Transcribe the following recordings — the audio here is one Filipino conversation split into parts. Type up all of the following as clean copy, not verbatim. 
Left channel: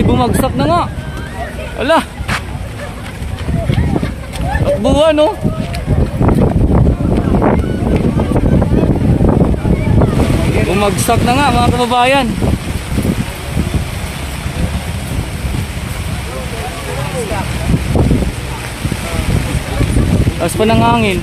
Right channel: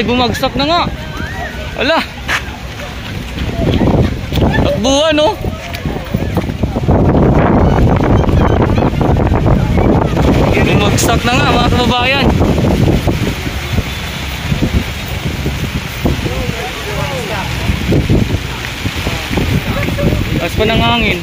Ay, bumagsak na nga. Ala. Takbuhan, no? Bumagsak na nga, mga kababayan. As pa ng hangin.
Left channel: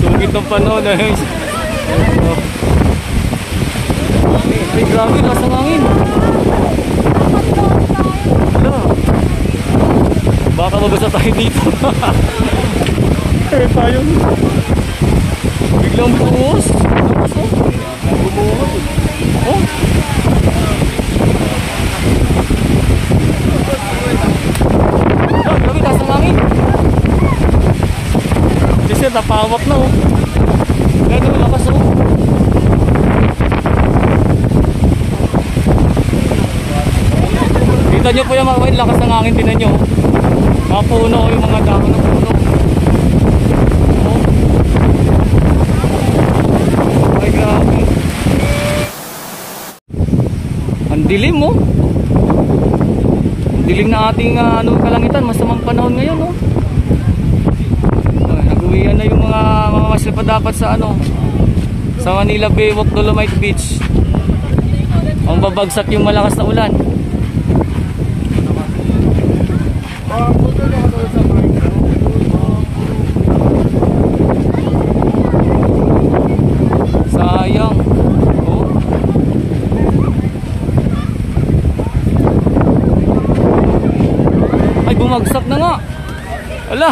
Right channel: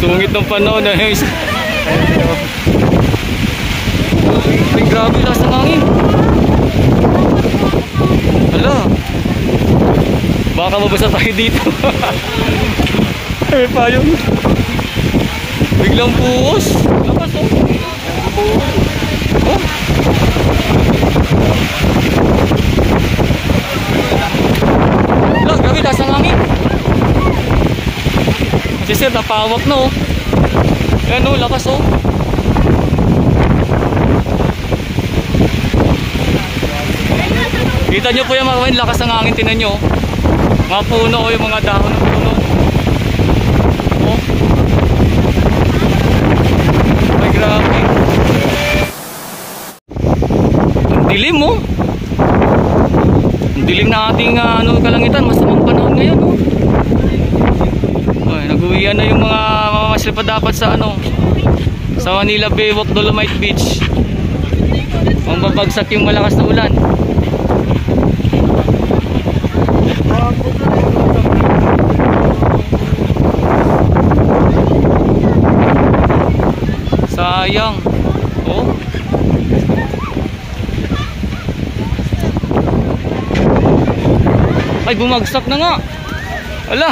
Sungit ng panahon na yung... Ay, grabe, lakas ng hangin. Hala, baka mabasa tayo dito. Ay, payong. Biglang buhos. Lakas, oh. Oh. Hala, grabe, lakas ng hangin. Kasi sir, napawak na, oh. Yan, oh, lakas, oh. Kita nyo po yung mga lakas ng hangin, tinan nyo. Mga puno, oh, yung mga dahon ng puno. Oh. Ay, grabe. Ang dilim, oh. Ang dilim na ating kalangitan. Masamang panahon ngayon, oh. Ay, nag-uwian na yung mga mamamasya pa dapat sa sa Manila Baywalk Dolomite Beach. Ang babagsak yung malakas na ulan. Sayang. Oh. Ay, bumagsak na nga. Ala.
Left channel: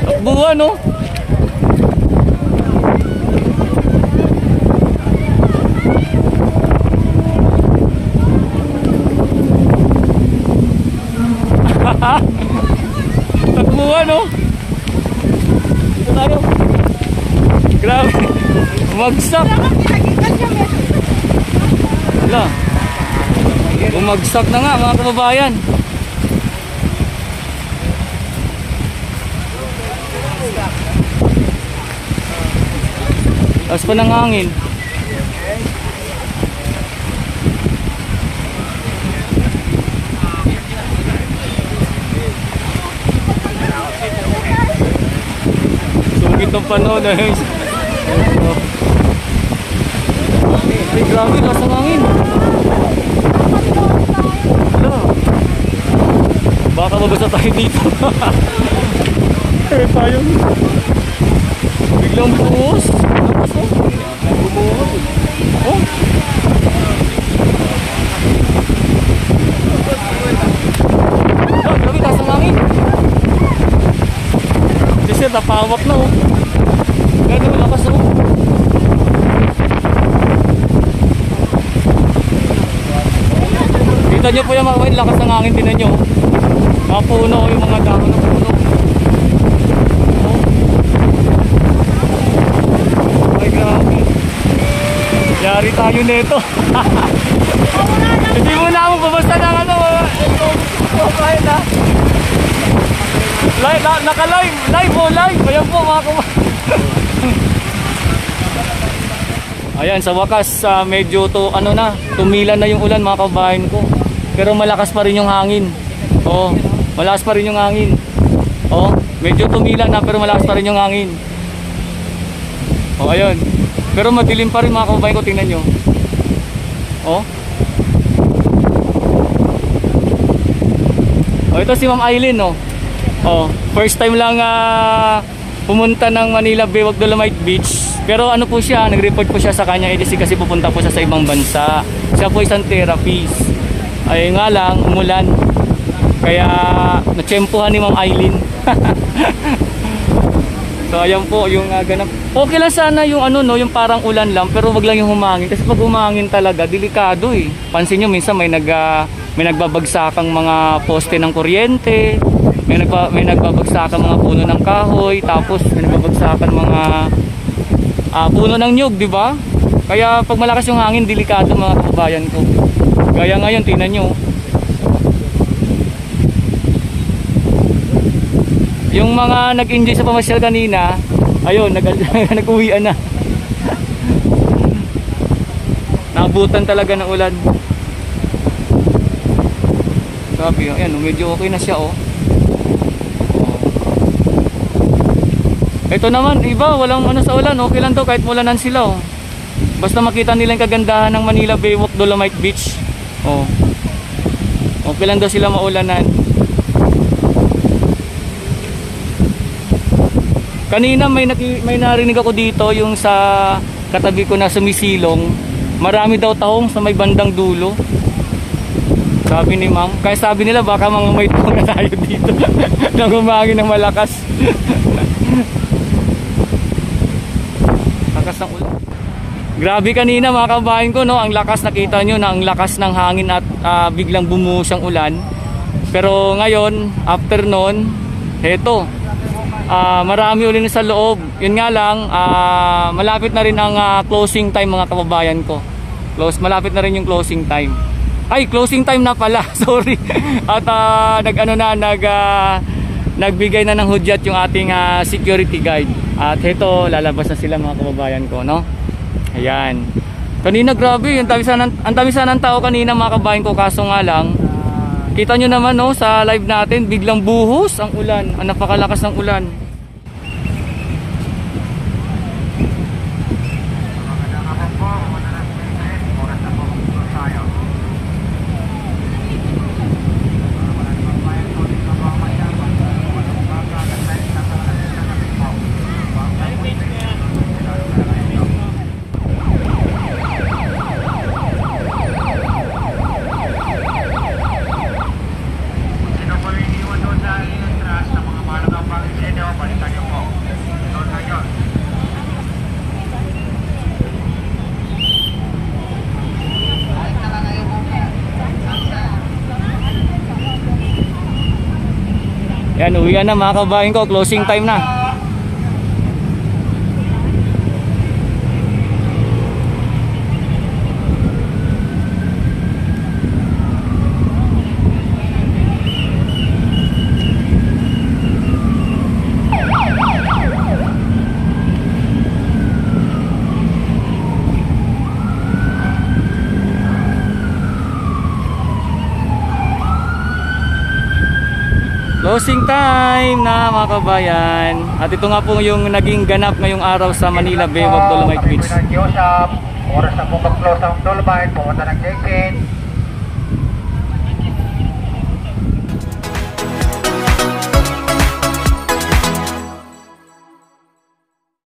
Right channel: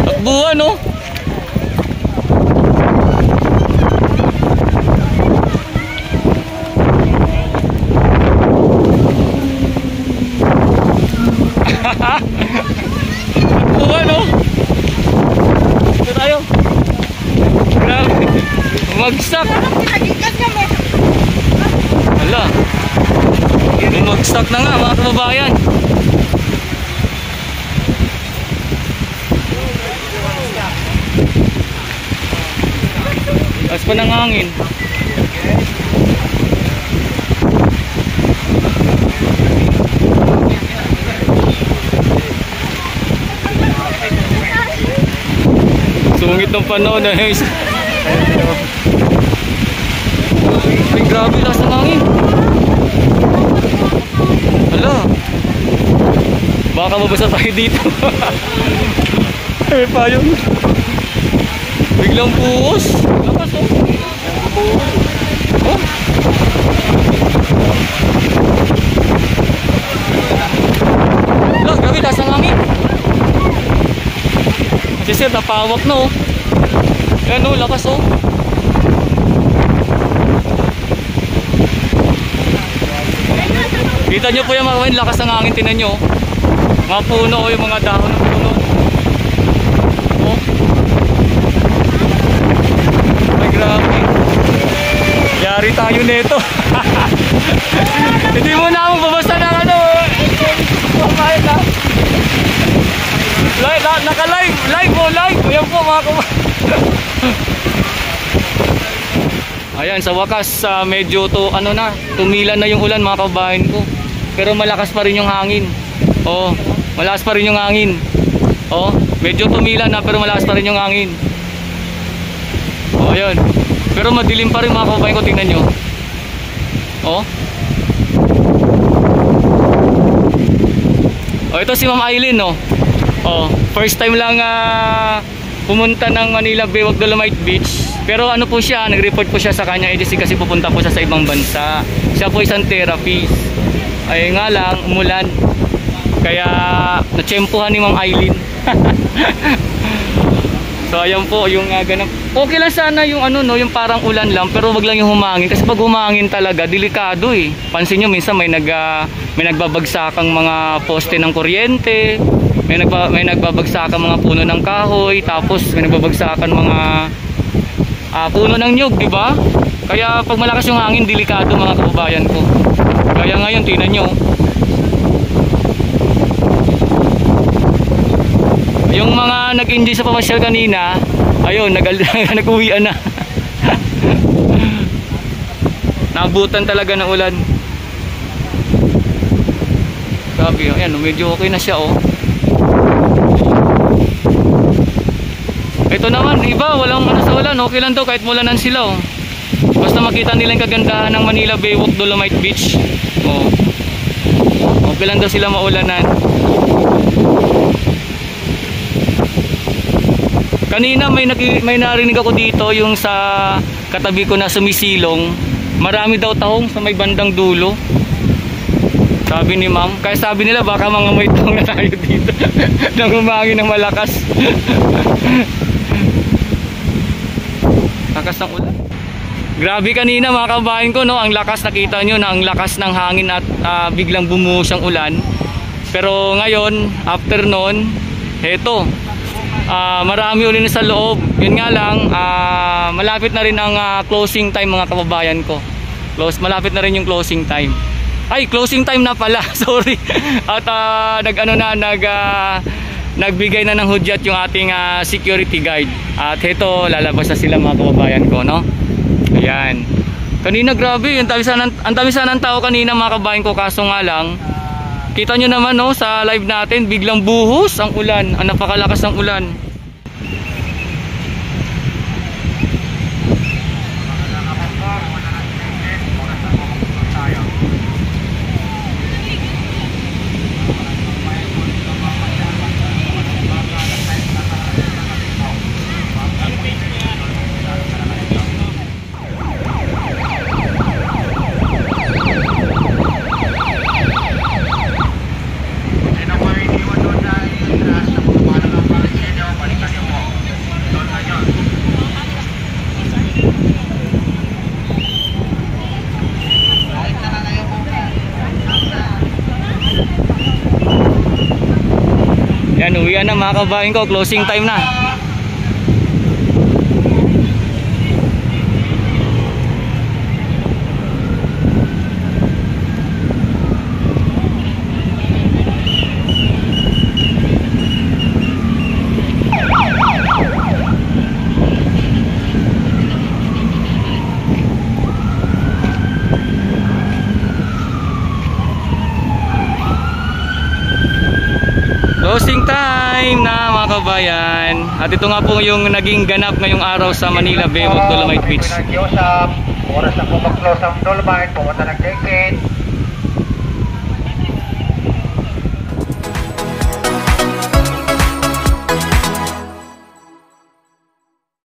Takbuhan, no? Takbuhan, no? Ito tayo. Grabe. Bumagsak. Hala. Bumagsak na nga, mga kababayan. As pa ng hangin. Sungit ng panahon na yung... Ay, grabe, lakas ng hangin. Hala, baka mabasa tayo dito. Ay, payong. Biglang buhos. Lakas, oh. Oh. Hala, grabe, lakas ng hangin. Kasi sir, napawak na, oh. Yan, oh, lakas, oh. Kita nyo po yung mga lakas ng hangin, tinan nyo. Mga puno, oh, yung mga dahon ng puno. Oh. Ay, grabe. Yari tayo nito. Hindi mo na ako babasta ng Kumain na. Naka-live. Live, oh, live. Ayan po, mga kumain. Ayan, sa wakas, medyo tumila na yung ulan, mga kabayan ko. Pero malakas pa rin yung hangin. Oh, malakas pa rin yung hangin. Oh, medyo tumila na pero malakas pa rin yung hangin. Oh, ayun. Pero madilim pa rin, mga kabayan ko, tingnan nyo. Oh. Oh, ito si Ma'am Aileen, no. Oh, first time lang pumunta ng Manila Baywalk Dolomite Beach. Pero ano po siya, nag-report po siya sa kanyang agency kasi pupunta po siya sa ibang bansa. Siya po isang therapist. Ay nga lang, umulan. Kaya natsyempohan ni Ma'am Aileen. So ayan po yung ganap. Okay lang sana yung yung parang ulan lang, pero wag lang yung humangin kasi pag humangin talaga delikado eh. Pansin niyo minsan may nagbabagsakang mga poste ng kuryente, may nagbabagsakang mga puno ng kahoy, tapos may nagbabagsakan mga puno ng nyug, di ba? Kaya pag malakas yung hangin, delikado, mga kababayan ko. Kaya ngayon tingnan niyo. Yung mga nag-enjoy sa pamasyal kanina, ayun, nag-uwian na. Naabutan talaga ng ulan. Sabi, ayan, medyo okay na siya, oh. Ito naman, iba, walang ano sa ulan, okay lang to kahit mulanan sila, oh. Basta makita nila yung kagandahan ng Manila Baywalk Dolomite Beach, oh. Okay lang daw sila maulanan. Kanina may narinig ako dito yung sa katabi ko na sumisilong. Marami daw tahong sa may bandang dulo. Sabi ni ma'am. Kaya sabi nila baka mga may tahong na tayo dito. Nang humangin ng malakas. Lakas ng ulan. Grabe kanina mga kabayan ko, no? Ang lakas, nakita nyo na ang lakas ng hangin at biglang bumuhos ang ulan. Pero ngayon, after noon, heto. Marami ulit sa loob. Yun nga lang, malapit na rin ang closing time mga kababayan ko. Malapit na rin yung closing time. Ay, closing time na pala. Sorry. At nagbigay na ng hudyat yung ating security guide. At heto, lalabas na sila mga kababayan ko, no? Ayan. Kanina grabe, ang dami sana ng tao kanina mga kababayan ko, kaso nga lang kita nyo naman, no, sa live natin, biglang buhos ang ulan. Ang napakalakas ng ulan. Yan, uwian na mga kabayan ko, closing time na. Closing time na mga kabayan. At ito nga po yung naging ganap ngayong araw sa Manila Baywalk Dolomite Beach. Oras na po mag-close ang Dolomite, pumunta ng check-in.